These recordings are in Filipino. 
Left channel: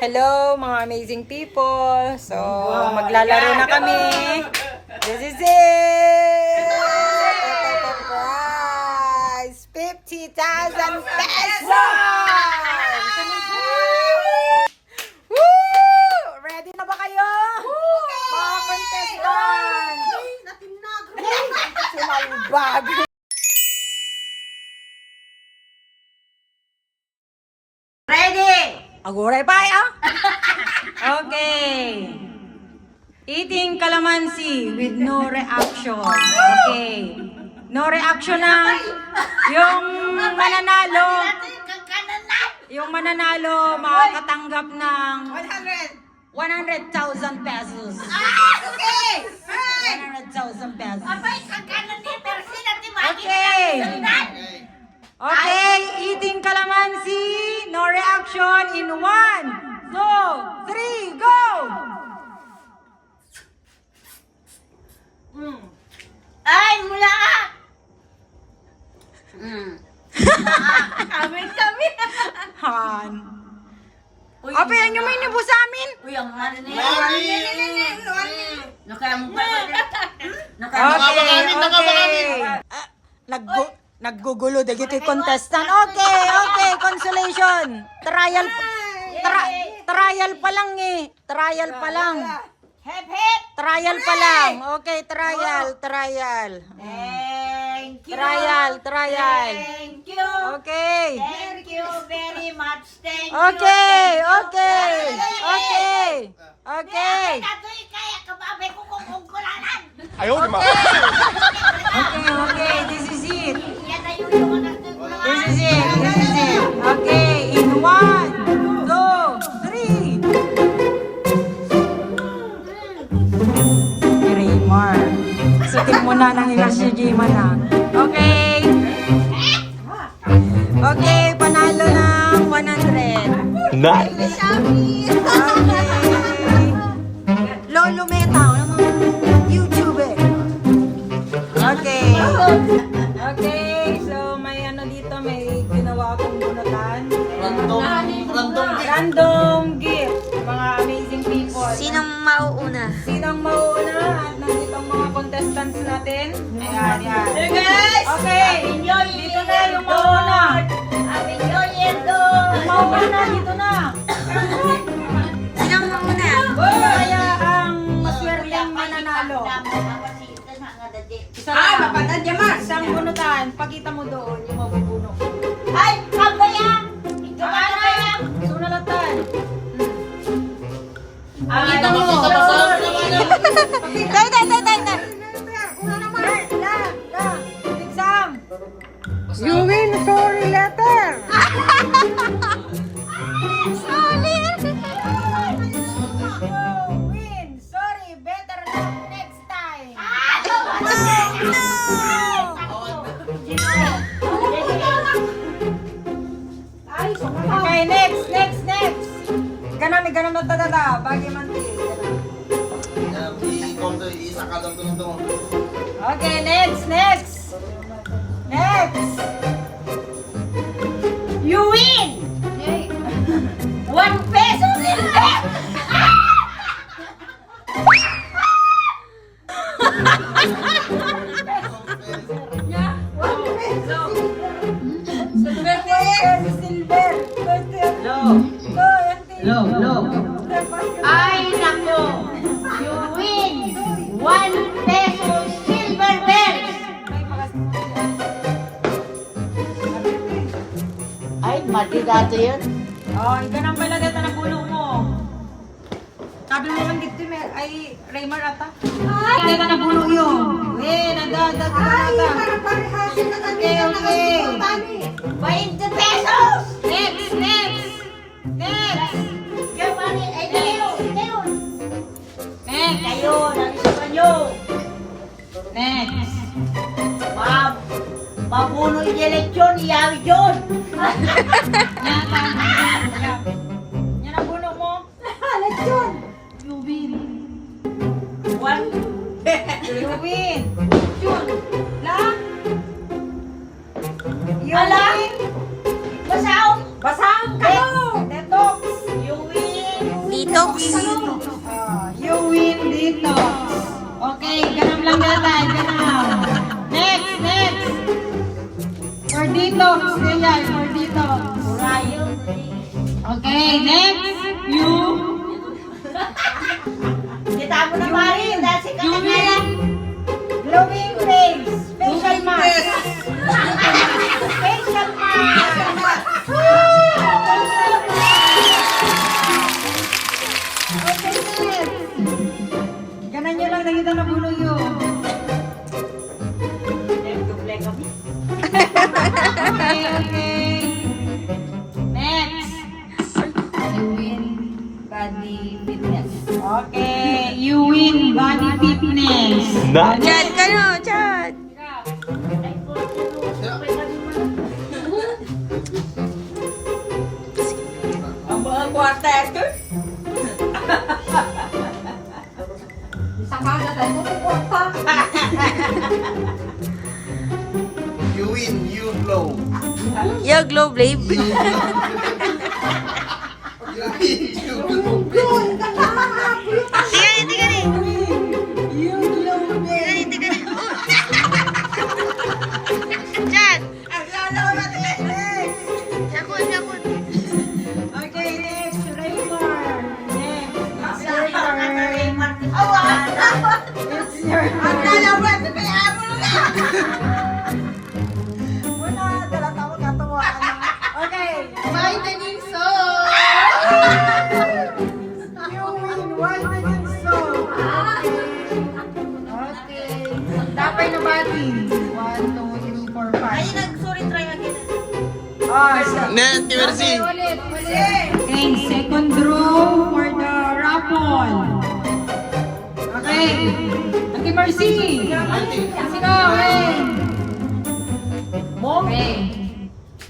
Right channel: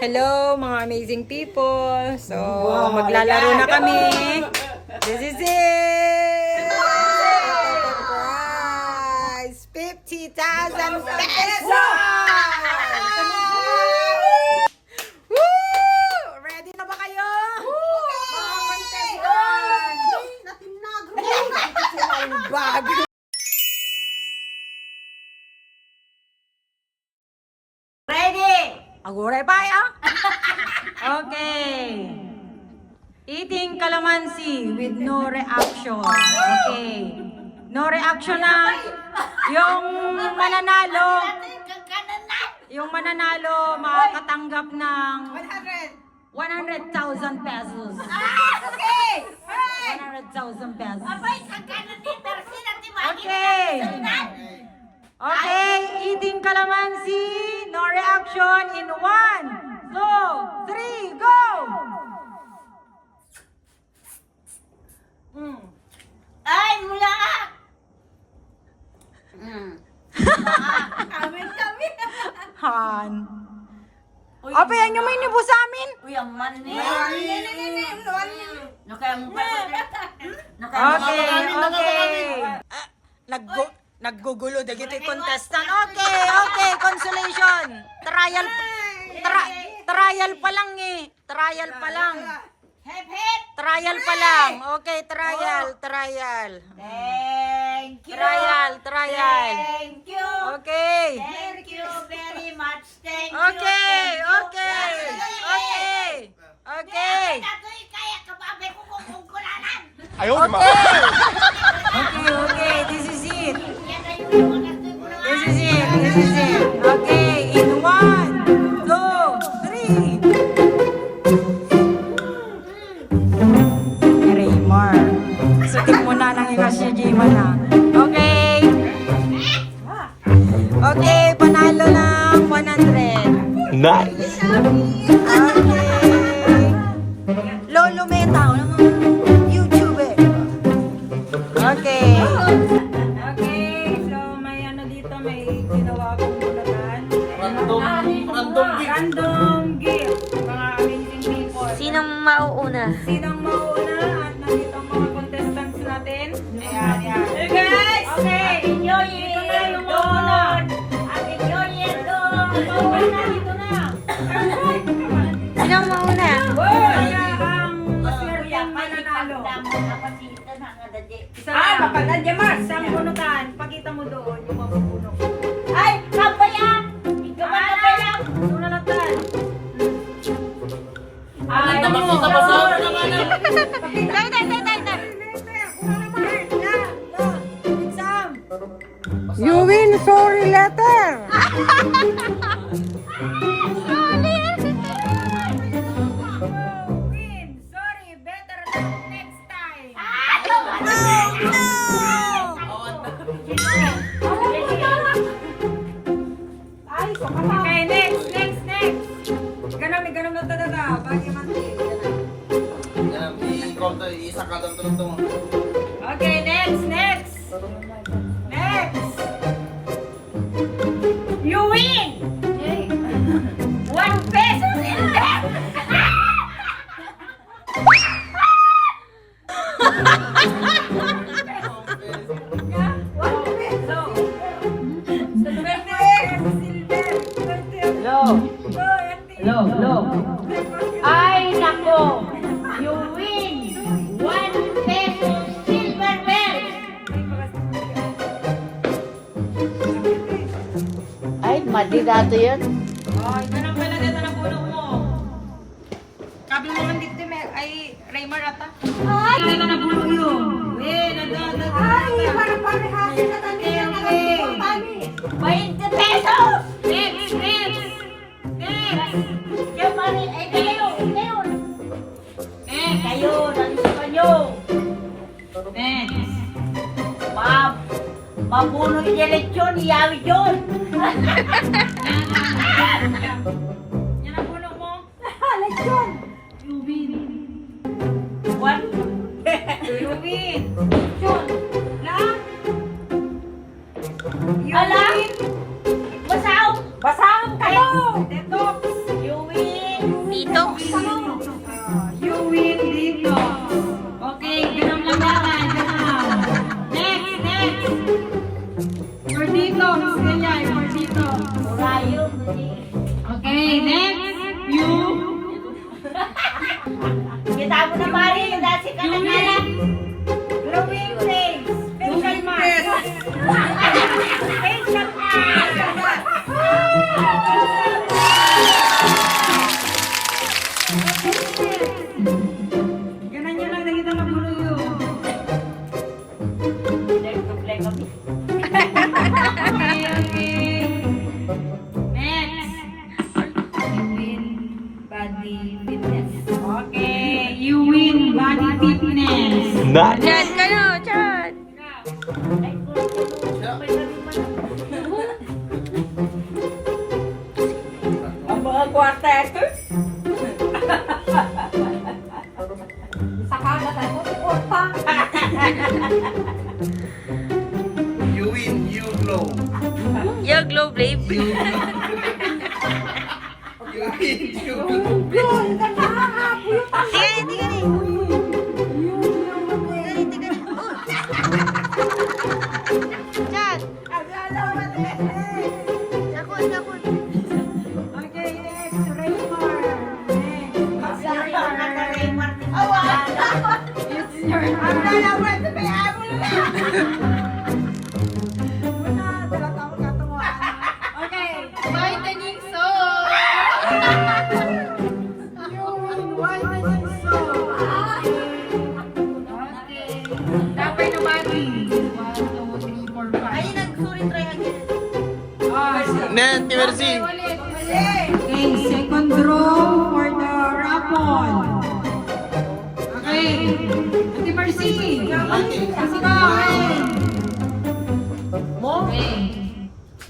Hello mga amazing people. So, maglalaro na kami. This is it! Ito prize! 50,000 pesos! Woo! Ready na ba kayo? Mga contestant! Bag! Aguray pa ya? Okay. Eating calamansi with no reaction. Okay. No reaction na. Yung mananalo makakatanggap ng 100,000 pesos. Okay. 100,000 pesos. Okay. Okay, eating calamansi, no reaction in 1, 2, 3, go! Ay, mula ka! Amin kami. Han. Apa yan yung may nibo sa amin? Uy, ang mani. Okay. Naggugulo dagiti contestant. Okay, consolation. Trial pa lang eh. Trial pa lang. Hep, hep. Trial pa lang. Okay, trial. Thank you. Trial. Thank you. Okay. Thank you very much. Thank you. Okay. Kaya kababe ko kung kulanan. Okay, this is it. Yan na yung mga kulanan. This is it. Okay, in 1, 2, 3. Raymar. Sutik mo na ng ilasyigima na. Okay, panalo ng 100. Nice. Okay. Lolo Meta, ng mga YouTube. Okay, so may dito, may ginawa akong bunutan. Random gift. Mga amazing people. Sinong mauuna? Sinong mauuna at nandito ang mga contestants natin. Hey guys! Okay, dito na yung mauuna. Mauuna dito na. Sinong mauna? Kaya ang maswerteng mananalo. Mapatad niya, Mark. Isang bunutan. Pakita mo doon yung mabubunok. Ay, kapaya! Ikaw ba kapaya? Sunalatan. Exam. You win sorry letter. Win. Sorry, better than next time. Okay, next. Ganam na tadada. Bagay man din. Okay, next. You win! 1 peso silver! Ay, nako! You win! 1 peso silver bells! Ay, mali dato yan. Oh, ito na pala dito na puno mo. Kabi mo man dito, ay Raymar ata. Ay, ito na puno yun. Nagdadag. Ay, para-parehasi na kami. Okay. 20 pesos! Next. Yung mali, ay, Yan ang puno mo. You win. One. You win. Yun. Na? You Ala? win. Masaw. Basang kayo. Detox. You win. Detox. You win dito. Okay, ganun lang natin. Ganun. Next, next. For detox. Ganyan, for detox. Rayo. Okay, next. You. Kita mo na Marin. Nasi ka You na win. Glowing face. Facial mask. Facial mask. Ganan nyo lang nakita na bulo yun. Nag-duble kami. Okay, okay. Next. You win body fitness. Okay, you win body fitness. Chad ka no, Chad. Ang mga quarter. Sa kaga tayo, pupunta. You win, you blow. Yo, glow babe. You win, you blow. Tiga rin, tiga rin. You glow Tiga rin, tiga rin. Oh. Chad. Yakun, yakun. Okay, next. Raymar. Next. Raymar. It's your turn. Muna, talatawa ka tuwa. Okay. Whitening soap. You win whitening soap. Okay. Tapay na body. 1, 2, 3, 4, 5. Ay, nag-sorry try again. Nanti Mercy. Ulit. Okay, second row for the raffle. Okay. Auntie Mercy. Mercy ka, okay. Okay.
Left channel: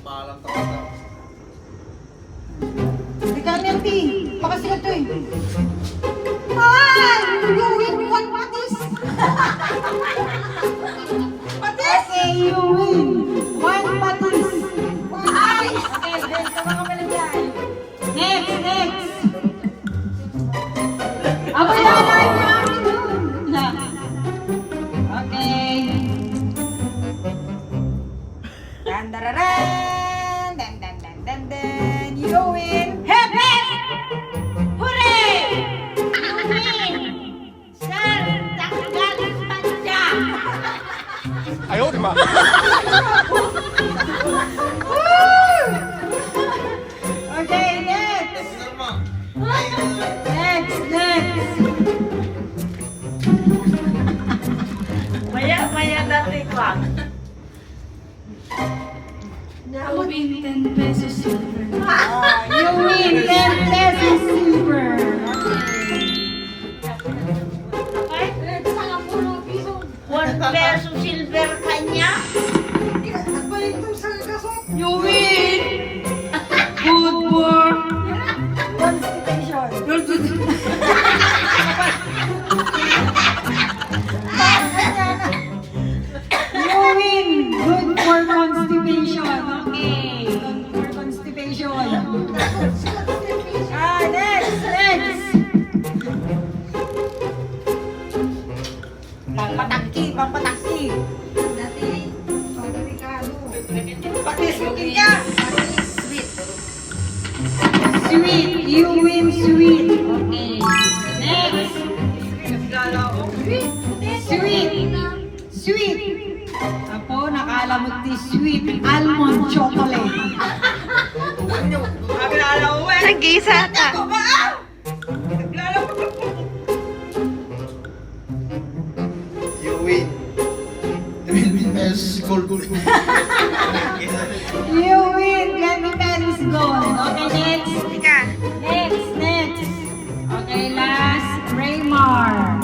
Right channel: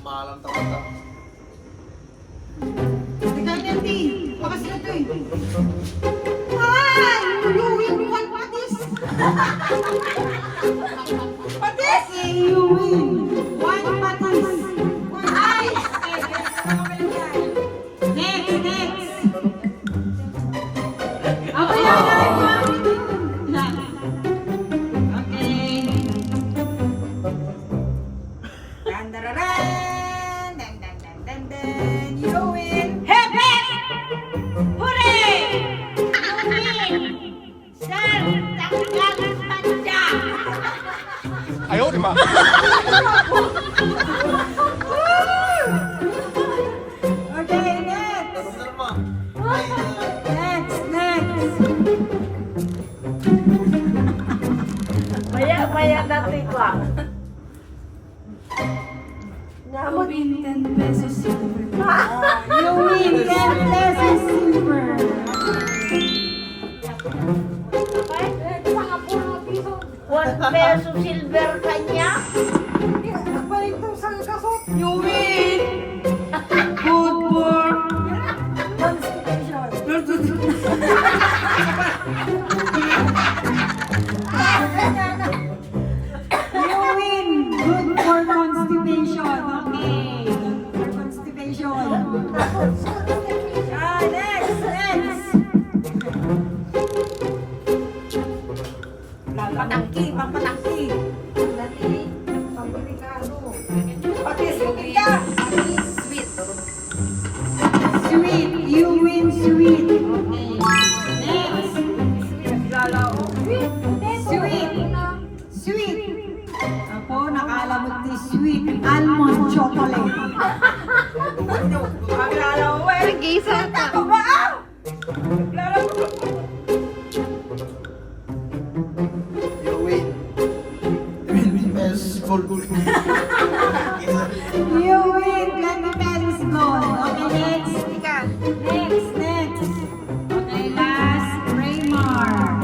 Malang tawata. Hindi ka, Auntie. Pakasikat ko eh. Ay! You win one patis. Patis? Okay, you win one patis. Ay! Okay, next. Ano ka pala dyan? Next, next. Ako yan, okay. Dan, dan, dan, dan, dan, dan, dan, dan. You win. Hep, hep! Hooray! You win! Sir, tanggal panja! Ayaw, di ba? Okay, next. Next, next. Maya natin ko. You win 10 pesos silver. You win 10 pesos silver. One peso silver kanya. You win. Good for constipation. You win. Good for constipation. Okay. Good for constipation. Next, next. Pampataki, pampataki. Patis, okay ka. Sweet. You win sweet. Okay. Next. Sweet. Sweet. Apo, nakalamot ni sweet almond chocolate. Nag-isa ta. You win. Yes, gold. You win 20 pesos gold. Okay, next. Ika. Next, next. Okay, last. Raymar.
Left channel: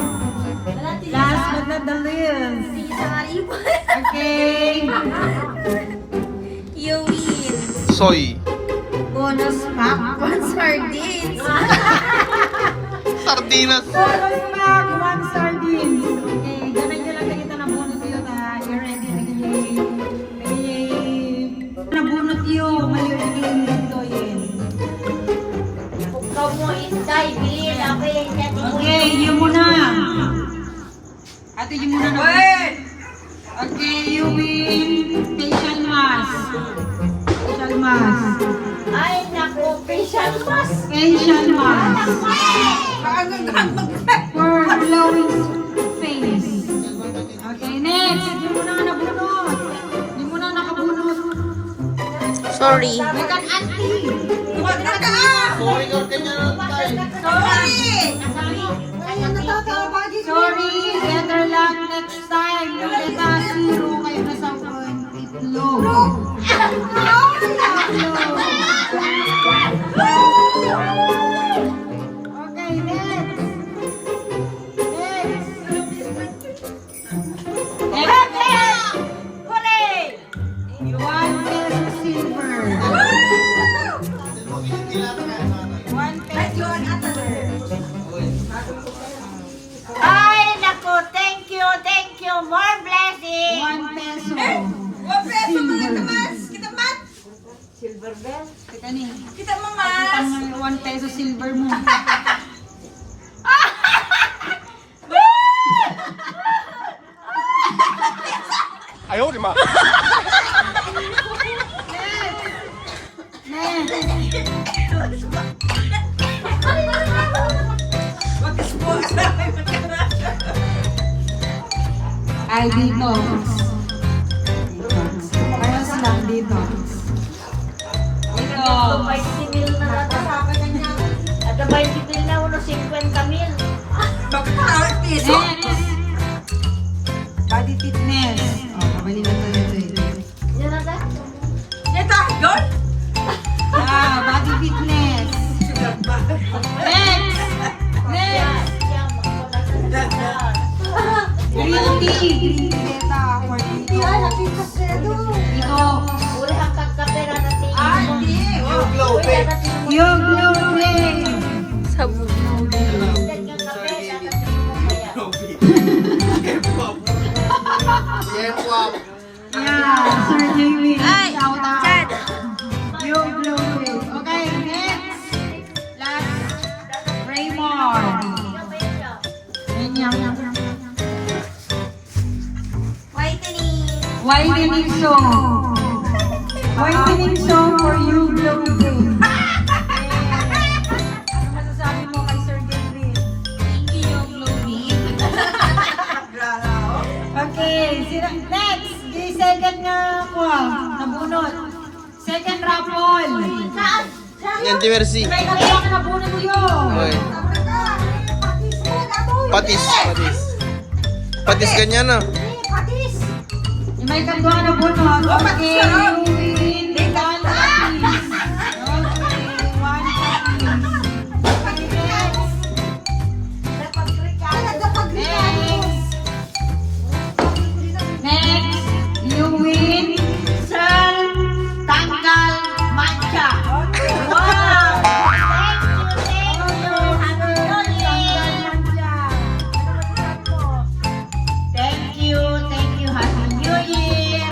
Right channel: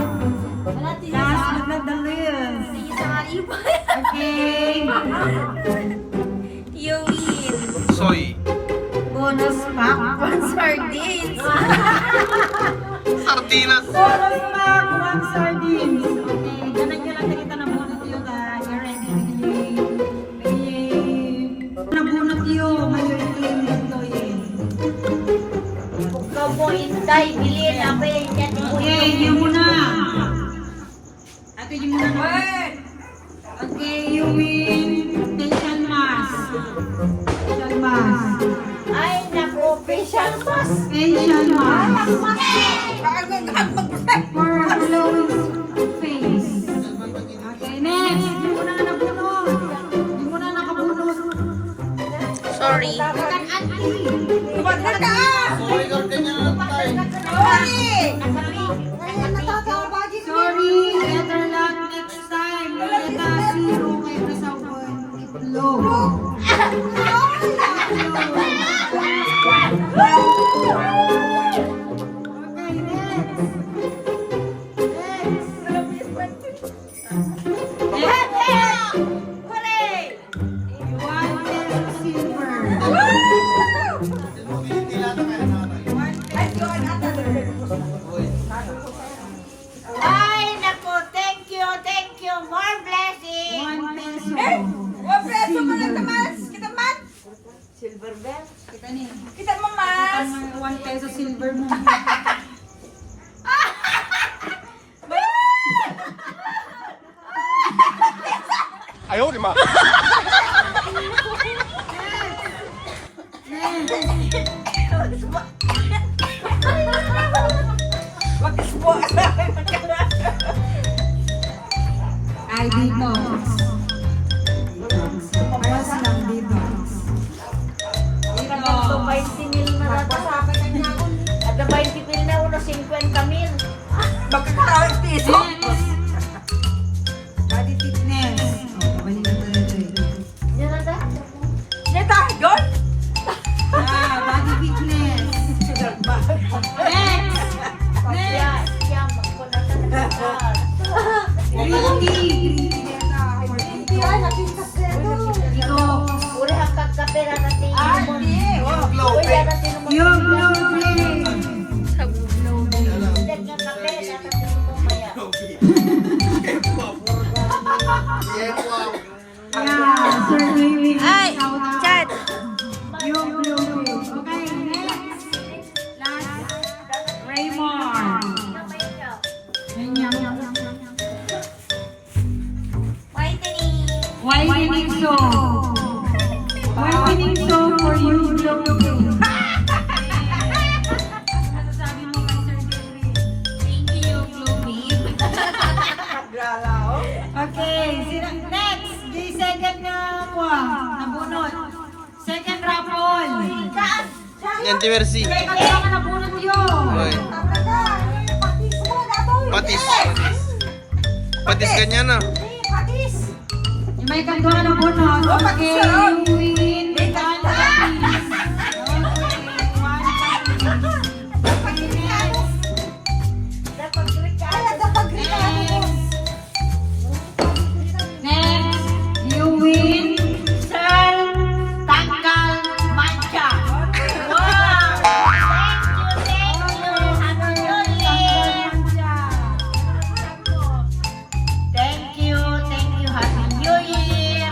Last but not the least. Okay. You win. So, Toy. Bonus pack, 1 sardines. Sardinas. Bonus pack, 1 sardines. Okay, ganag na lang kita na bunot yun na i-ready na bunot yun. Mali-claim dito yun. Ikaw po, Inday, bilhin ako eh. Okay, yun muna. Ate, yun muna na. Okay, you win facial mask. Facial mask. Ay, naku, facial mask. Facial mask. For glowing face. Okay, next. Yun muna nga nabunot. Yun muna nakabunot. Sorry. Look at auntie. Tuwag na ka. Sorry, better luck next time. Leta, zero kayo na sa itlog. Okay, next. Next. Hooray! 1 peso silver. 1 peso silver. Ay, naku, thank you. More blessing. 1 peso. Silver bell. Teka ni. Kita mo, 1 peso silver mo. Ayaw, di ma. Ay, dito. Ayos lang dito. Ito, 20 mil na natin. Ada 20 mil na, uno 50 mil. Next. Body fitness. Oh, pabali na tayo dito. Yan na tayo. Body fitness. Next. Next. Green tea. Green tea. For dito. Uli ang kakapera natin. Yung glow, pe. Yung blue play. Sabog. K-pop. Yeah, Sir Louis. Ay, Shout out. Chad. Yung blue play. Okay, next. Last. Raymond. Ganyan. Whitening soap. Whitening soap for you, blue play. Ano masasabi mo kay Sir David? Thank you, Chloe. Okay, next. The second na kuha. Nabunot. Second raffle. Yan, Timersi. May katuwa ka nabunot yun. Oy. Patis. Patis ganyan na. May katuwa ka nabunot. Okay, you win. 1 patis. Okay, 1 patis. Okay, next, you win. Sir, tanggal mancha. Wow! Thank you. Happy New Year. Thank you. Happy New Year.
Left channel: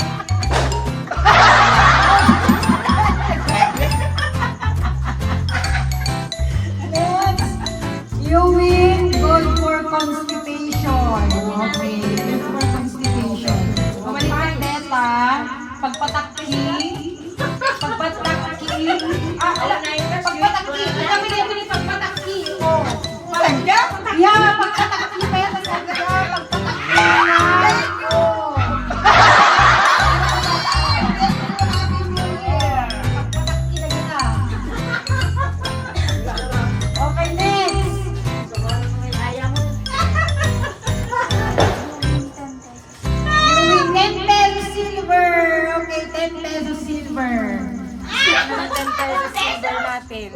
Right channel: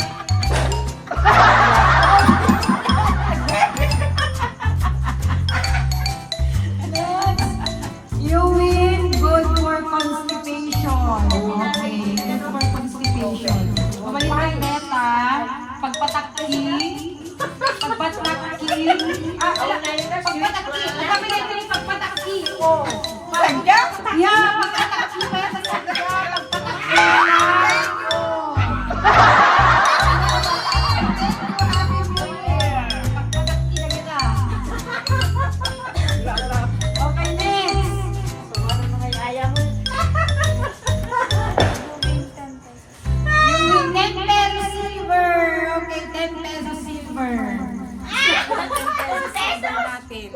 You win good for constipation. Okay, good for constipation. Pabalik ka beta, pagpatakki. Pagpatakki. Alam mo na ito ni pagpatakki. Oh. Yeah, pagpatakki pa yan. Pagpatakki. Oh. Pagpatakki na yun ah. Okay, next. You win 10 pesos silver. Okay, 10 pesos silver. 10 pesos silver natin.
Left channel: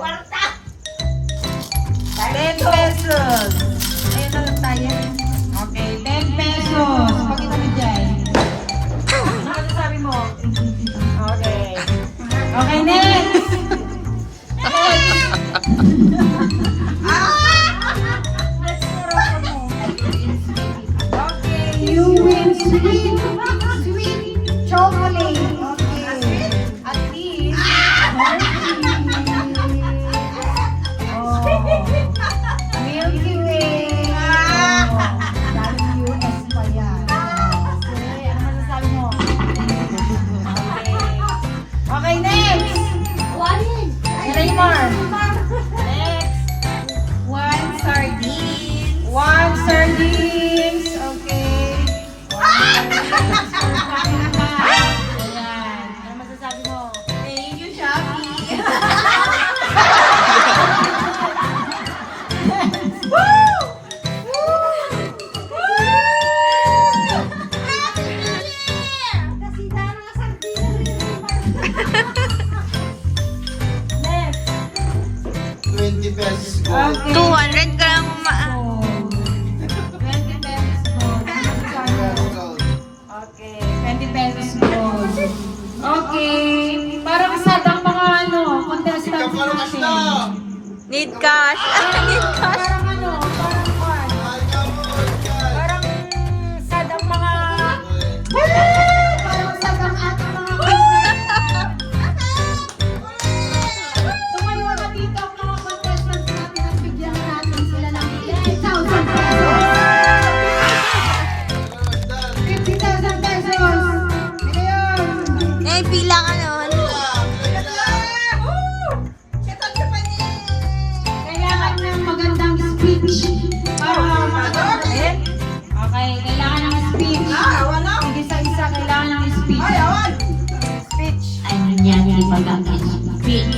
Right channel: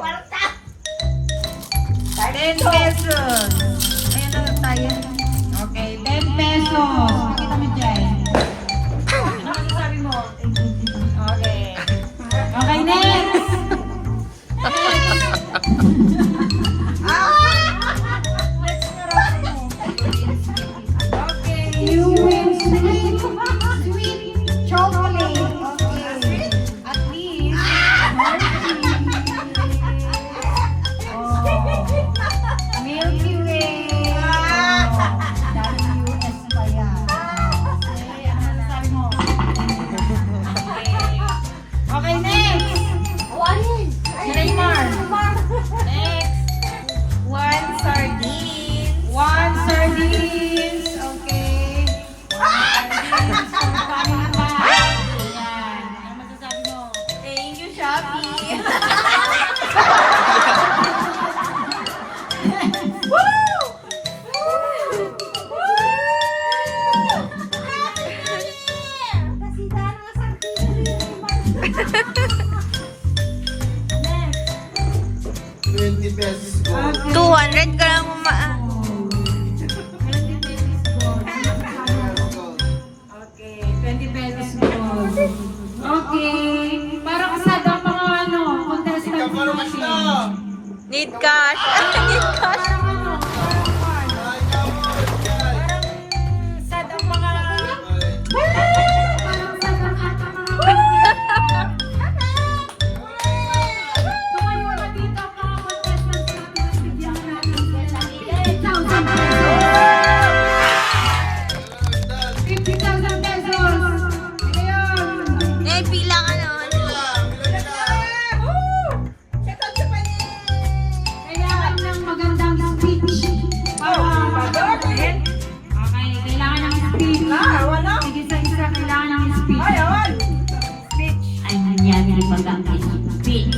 10 pesos. Ayan na lang tayo. Okay, 10 pesos. Pakita mo dyan. Ano masasabi mo? Okay. Okay, next. Okay, you win sweet chocolate. Okay. At least, oh, Milky Way. Oh, daling US pa yan. Okay, ano masasabi mo? Okay. Okay, next. Raymar. Next. One sardine. One sardines. Okay. Ayan. Ano masasabi mo? Thank you, Shopee. Next. 20 pesos go. Okay. 200 ka lang 20 pesos gold. Okay, 20 pesos gold. Okay, parang sad ang mga contestants natin. Need cash. Need cash. Parang parang sad ang mga parang sad ang ating mga tumayo na dito ang mga contestants natin at bigyan natin sila ng 10,000 pesos. 50,000 pesos. Ngayon. Eh, pila ka nun. Kailangan ng magandang speech para makagawa. Okay, kailangan ng speech. Isa-isa kailangan ng speech. Speech. Ang nangyari bagang speech.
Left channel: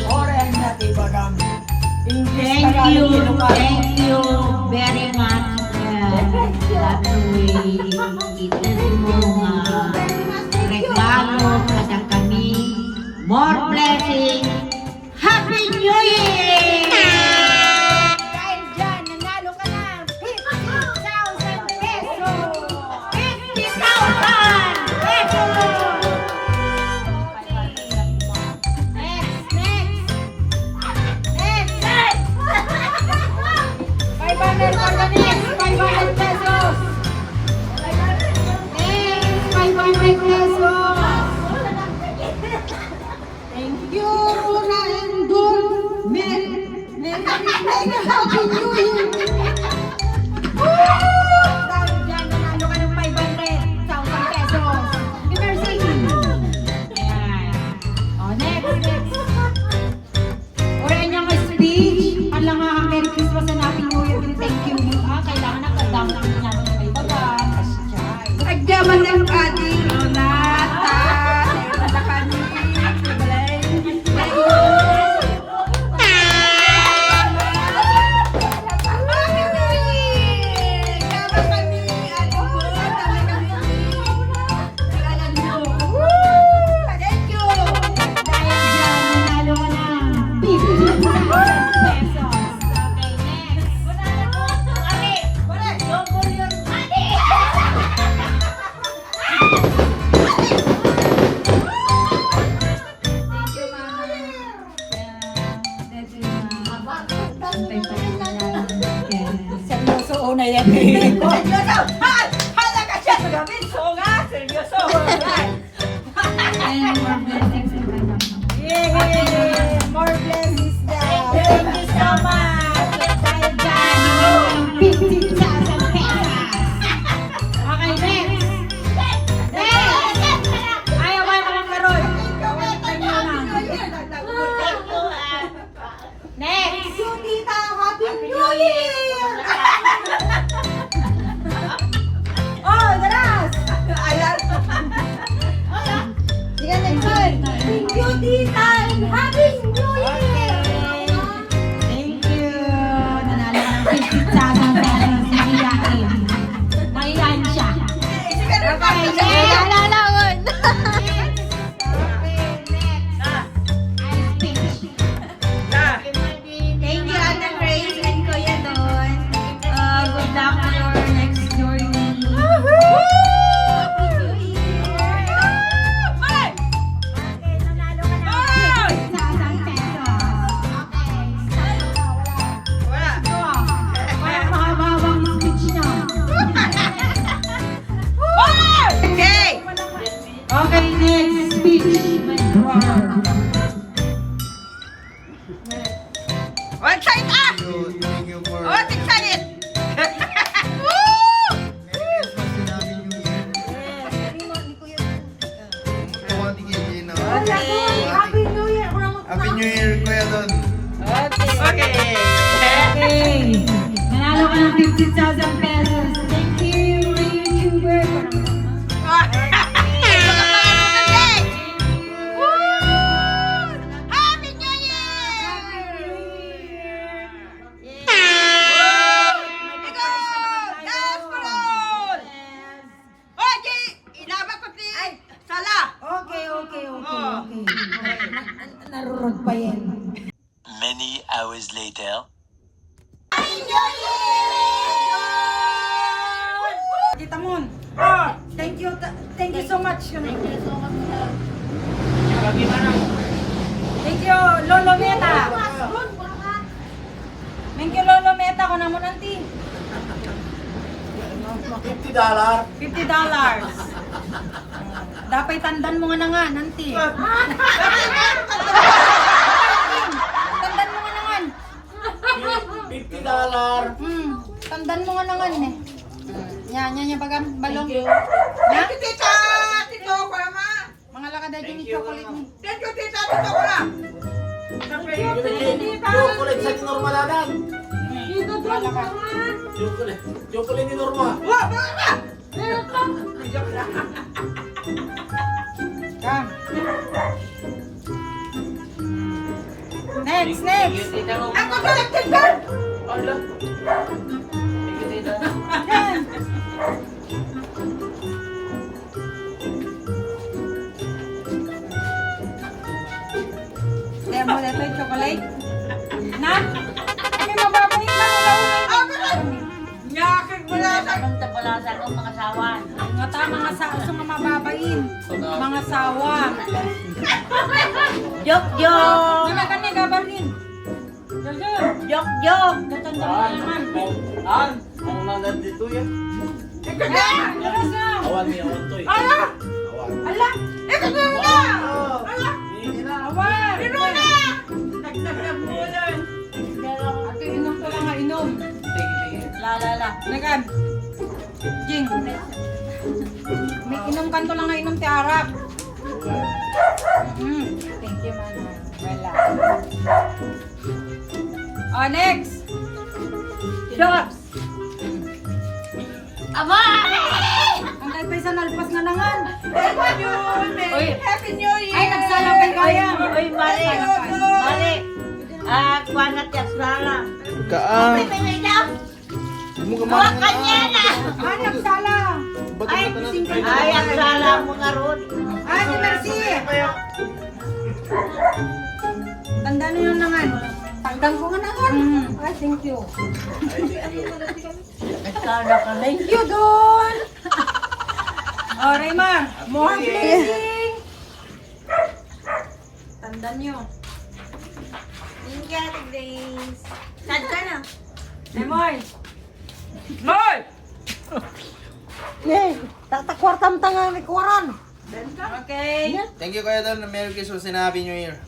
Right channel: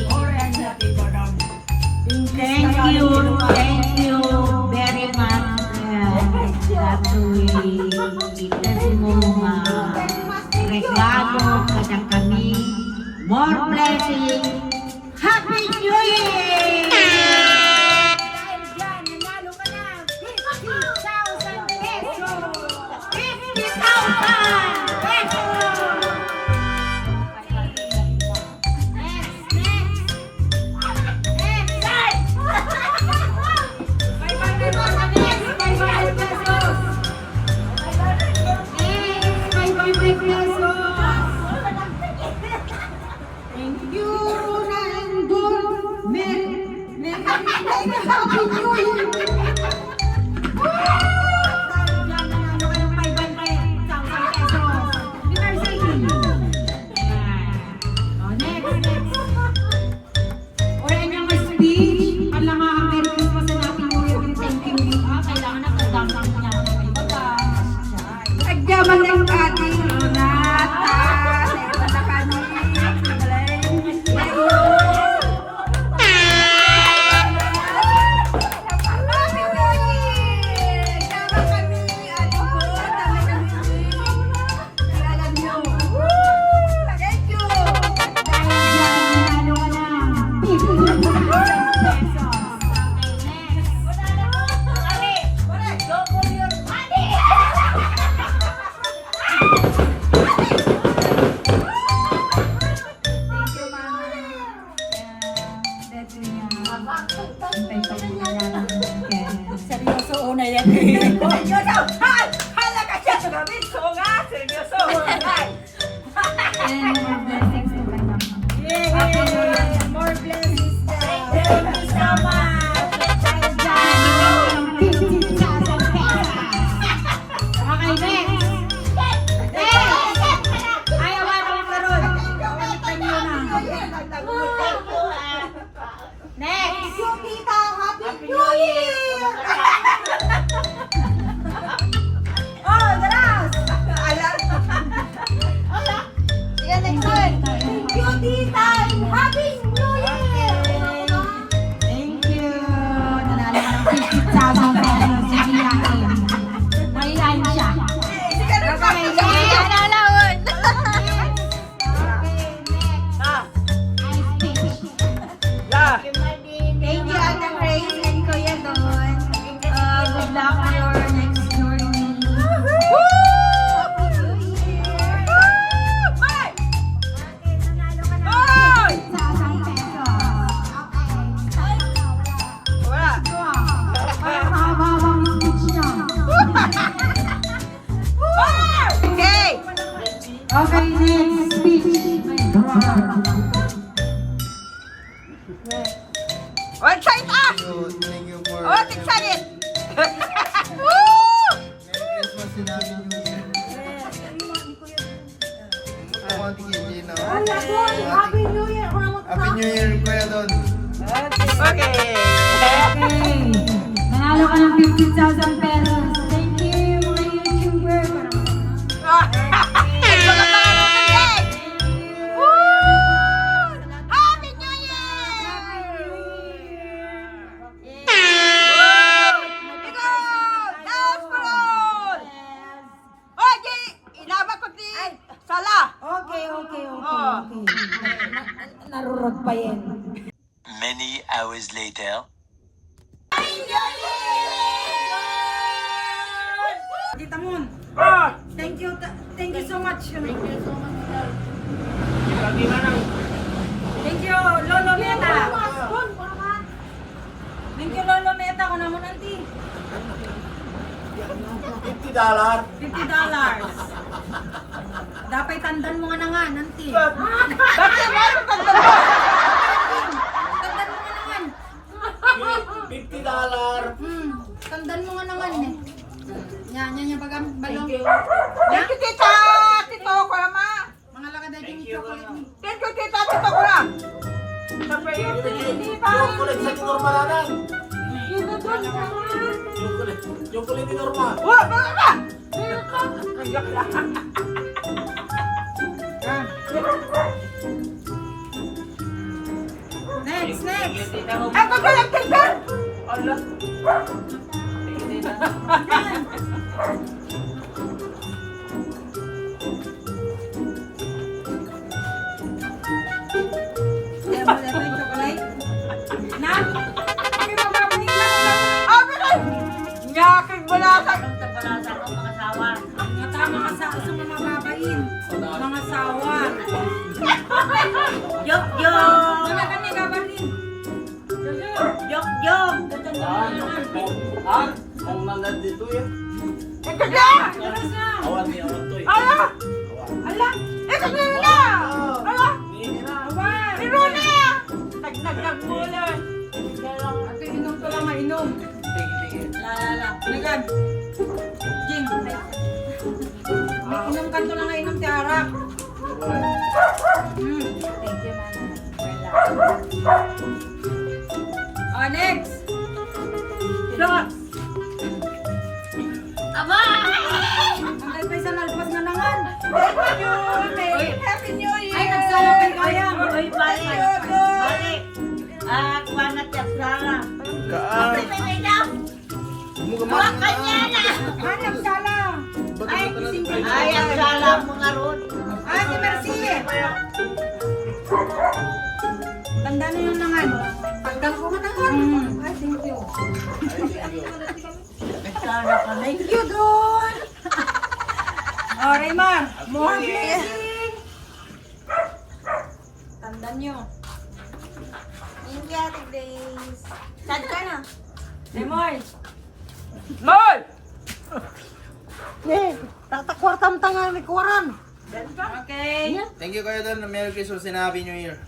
Thank you very much. That way, itas mo regalo kadang kami. More blessing. Happy New Year! Dahil dyan, nanalo ka ng 50,000 pesos. 50,000 pesos. Next, next. Next. 500 pa na next. 500 pesos. Next, 500 pesos. Thank you, Rona and Dul. Happy New Year! Dahil dyan, nanalo ka ng 500,000 pesos. Happy birthday! Ayan. O, next. Urayan niyo ang speech. Palangang Merry Christmas and Happy New Year. Thank you. Kailangan na kadang-dang natin ng may baga. Agyaman ng ating Ronata. Sa'yo na kami. Seryoso na yan. Hala ka siya sa gabi. So nga, seryoso. And more blessings. Yay! More blessings daw. Thank you so much. Dahil dyan, 50,000 pesos. Okay, next. Next! Ayaw ba ka lang karoon? Panyo na. Next! Yung tita, Happy New Year! Oh, daras! Sige, next one. Thank you, tita, and Happy New Year! Thank you! Nanalo ka ng 50,000 pesos. Sige, yakin. Mahihayin siya. Okay, next! Okay, next. Thank you, Ate Grace and Kuya Don. Okay, next speech. Oh, excited ah! Thank you for... Oh, excited! Merry Christmas din namin yung year. Kamati kayo na. Happy New Year! Happy New Year, Kuya Don. Okay. Okay. Nanalo ka ng 50,000 pesos. Thank you, mga YouTuber. Mga pangalan din! Woo! Happy New Year! Ikaw! Dance for all! Oh, Jay! Inaba ko si Sala! Okay. Oh. Narurod pa yan. Many hours later. Kita mo. Thank you so much. Thank you, Lolo Meta. Thank you, Lolo Meta. Kung naman, auntie. $50. $50. Dapat tandan mo nga na nga, auntie. Tandan mo nga na nga. $50. Tandan mo nga na nga eh. Yan, bagam, balong. Thank you, tita! Tito ko naman! Mga lakad na yung chocolate ni. Thank you, tita! Tito ko na! Chocolate sa normal naman. Chocolate ni Norma. Wah! Bakit ba? Yan. Next. Ako ka lang, tita! Yan. Kaya mo na ito yung chocolate. Na? Okay, mababalik na lang. Ah, bakit? Nyakin balasan! Mga tama nga sa uso mga mababain. Mga sawa. Jok! Kani, gabarin. Jok! Tatanda mo naman. Ang mga dito yan. Ito na! Yan, galas na. Awan to eh. Ala! Awan. Ala! Ito na! Ala! Awan. Pero na! Nagtagtag mo na! Ate, inom ko lang nga, inom. La. Nagan. Jing. Inom kanto lang nga, inom ti Arak. Thank you, Mana. Wala. Oh, next. Shot. Ang kay pa isa nalpas na nangan. Thank you! Happy New Year! Ay, nagsala kay Kaya. Ay, balik! Balik! Ah, kuwanat yung sala. Kaan. Huwag kanya na! Ah, nagsala. Ay, ang sala mo nga ron. Ay, si Mercy. Tanda na yung nangan. Tagdang ko nga nangan. Ay, thank you. Sala ka na. Thank you, Don. Oh, Raymar. More blessing. Tandaan nyo. Thank you, Ate Grace. Tanda na. Emoy. Hoy! Tatakwarta mo tayo ng likuran. Okay. Thank you, Kuya Don. Merry Christmas and Happy New Year.